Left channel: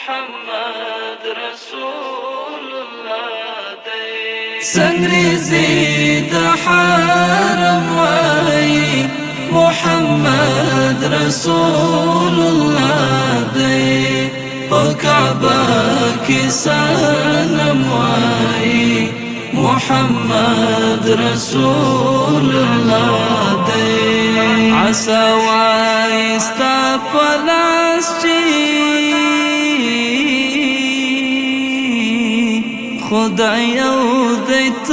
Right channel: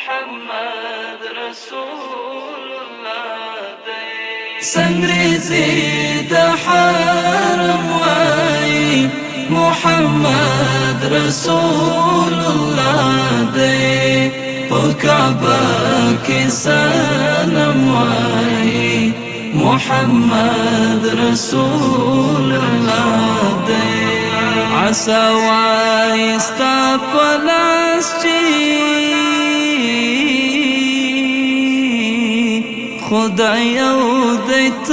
محمد رسول الله دی سنگریزی د حرم وای محمد رسول الله دی په کعبه کې سنم وای محمد رسول الله دی عسى وایستا پلاس چی خدای او دیت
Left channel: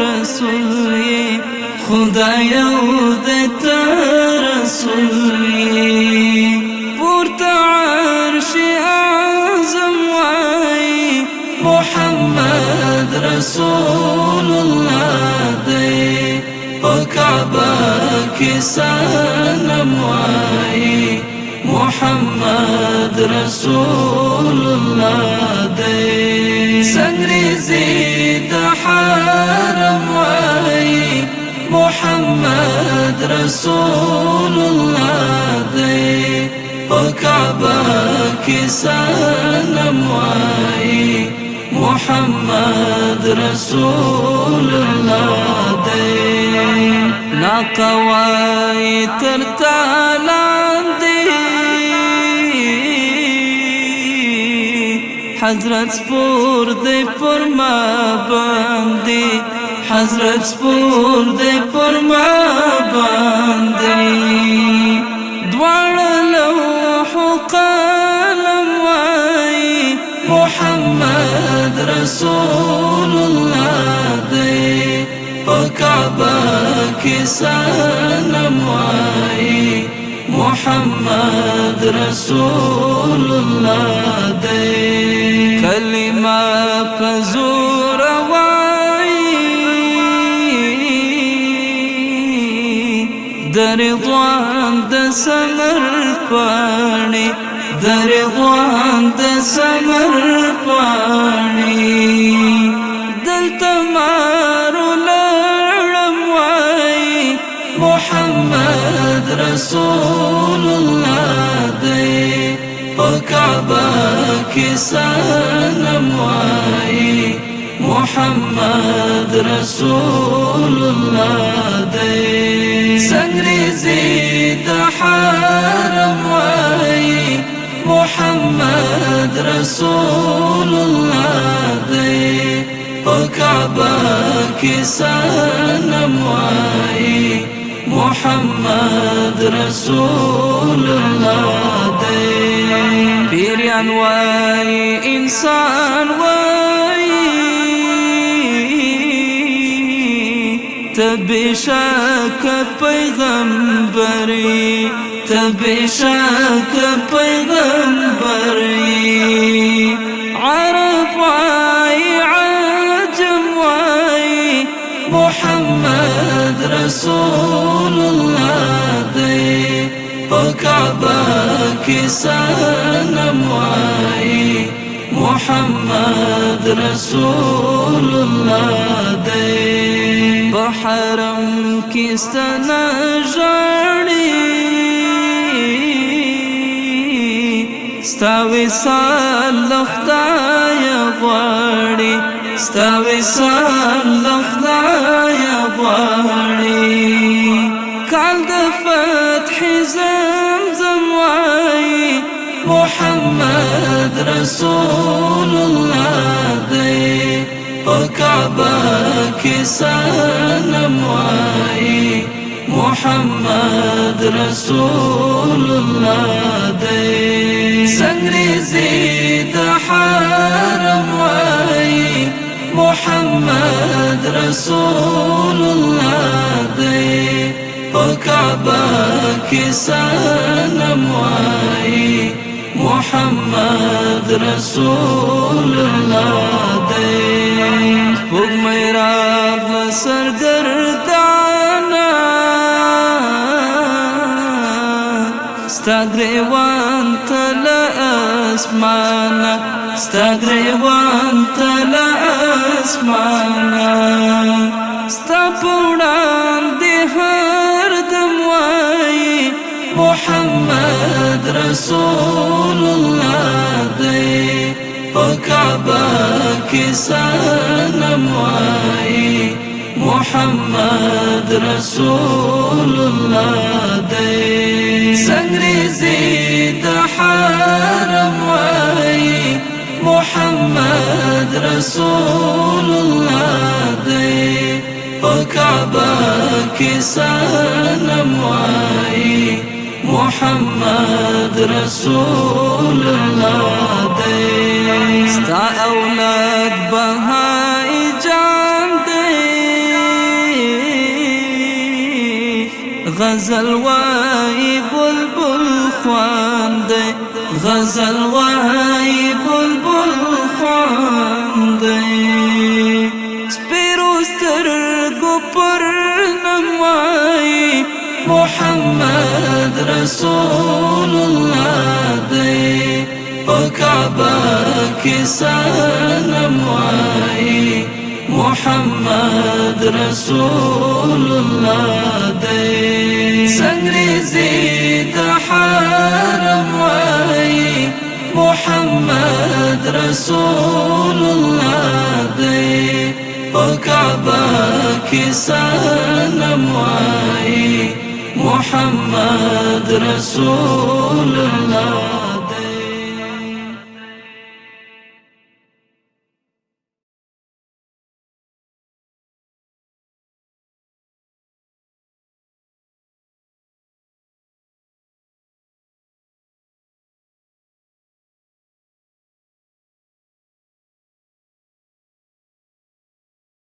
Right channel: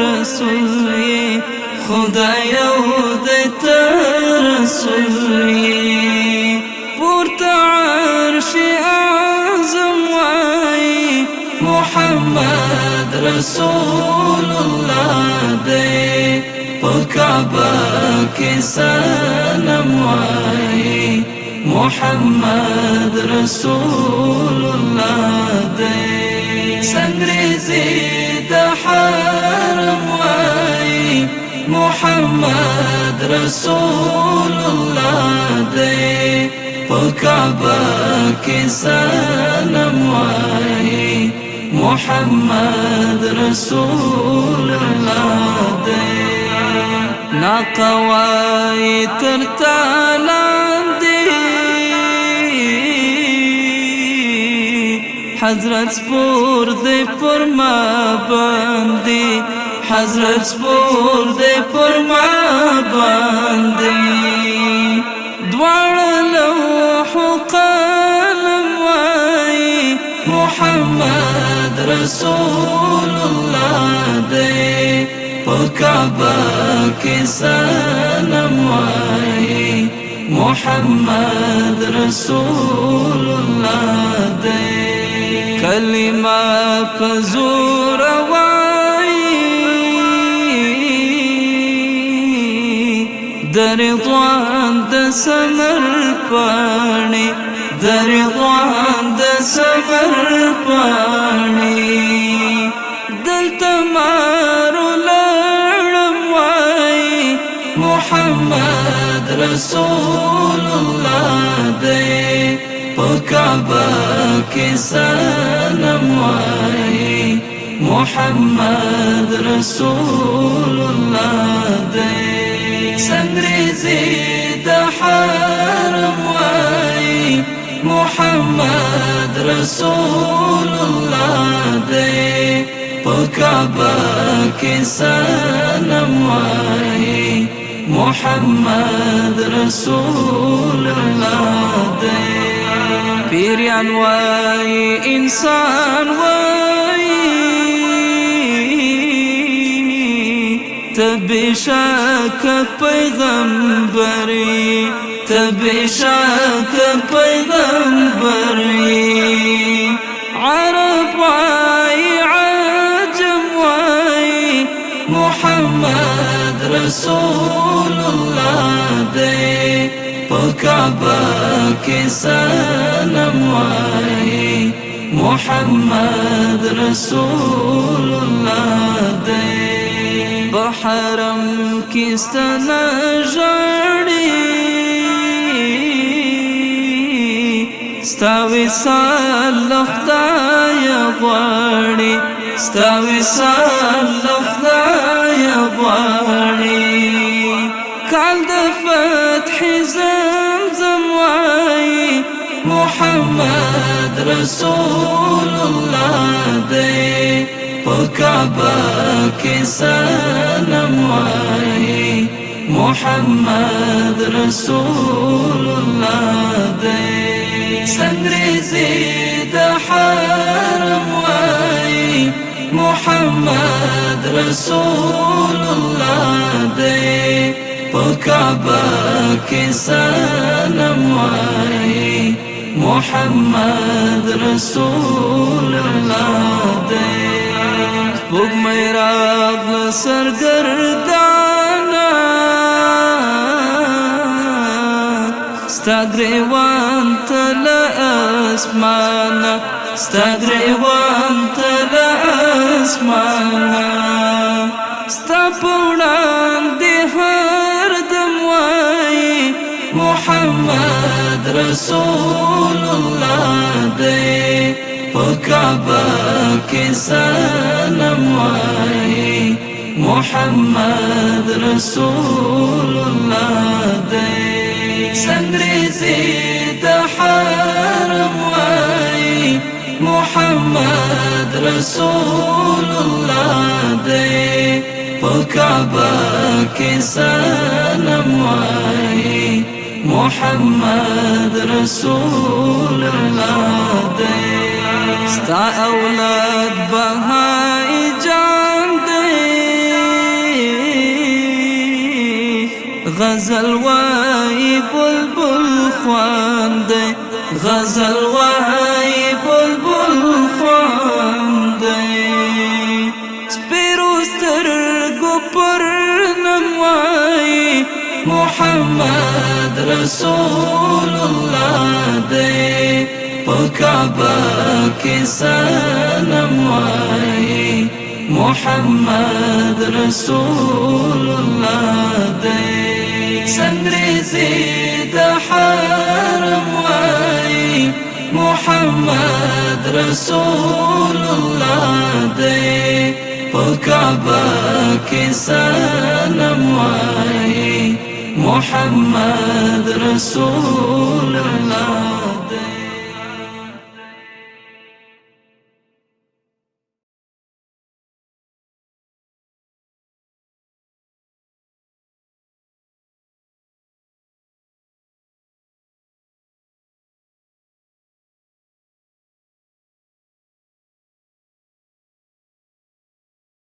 رسولی خدای او دیت رسولی پورت عرش اعظم وای محمد رسول الله دی په کعبه کې سنم وای محمد رسول الله دی سنگریزی د حرم وای محمد رسول الله دی په کعبه کې سنم وای محمد رسول الله دی ناقوای تر تالاندی حضرت سپور دی پر ما باندې حضرت سپور دی پر ما باندې دواړه لوح قلم وای محمد رسول الله دی په کعبه کې سنم وای محمد رسول الله دی کلمه پزور وای در رضوان د سمر پانی در رضوان د سمر پانی دلته مارو لړم وای محمد رسول الله دی په کعبه کې سنم وای محمد رسول الله دی سنگریزی د حرم وای محمد رسول الله دی په کعبه کې سنم وای محمد رسول الله دی پیریان وای انسان وای تبشاک پیغمبری تبشاک پیغمبری عرب وای عجم وای محمد رسول الله دی په کعبه کې سنم وای محمد رسول الله دی په حرم کې ستنه ژړې ستا وصال خدای غواړي ستا وصال خدای غواړي کال د فتح زمزم وای محمد رسول الله دی په کعبه کې سنم وای محمد رسول الله دی سنگریزی د حرم وای محمد رسول الله دی په کعبه کې سنم وای محمد رسول الله دی سپوږمۍ راغله سرګردانه ستا ګریوان ته له اسمانه ستا ګریوان ته له اسمانه ستا په وړاندې هر دم وای محمد رسول الله دی کې سنم وای محمد رسول الله دې سنگریزي د حرم وای محمد رسول الله دې په کعبه کې سنم وای محمد رسول الله دې ستا اولاد بهائی جان دې غزل وای بلبل خوان دې غزل وای بلبل خوان دې سپیرو سترګو پر نم وای محمد رسول الله دې په کعبه کې سنم وای محمد رسول الله دې سنگریزي د حرم وای محمد رسول الله دې په کعبه کې سنم وای محمد رسول الله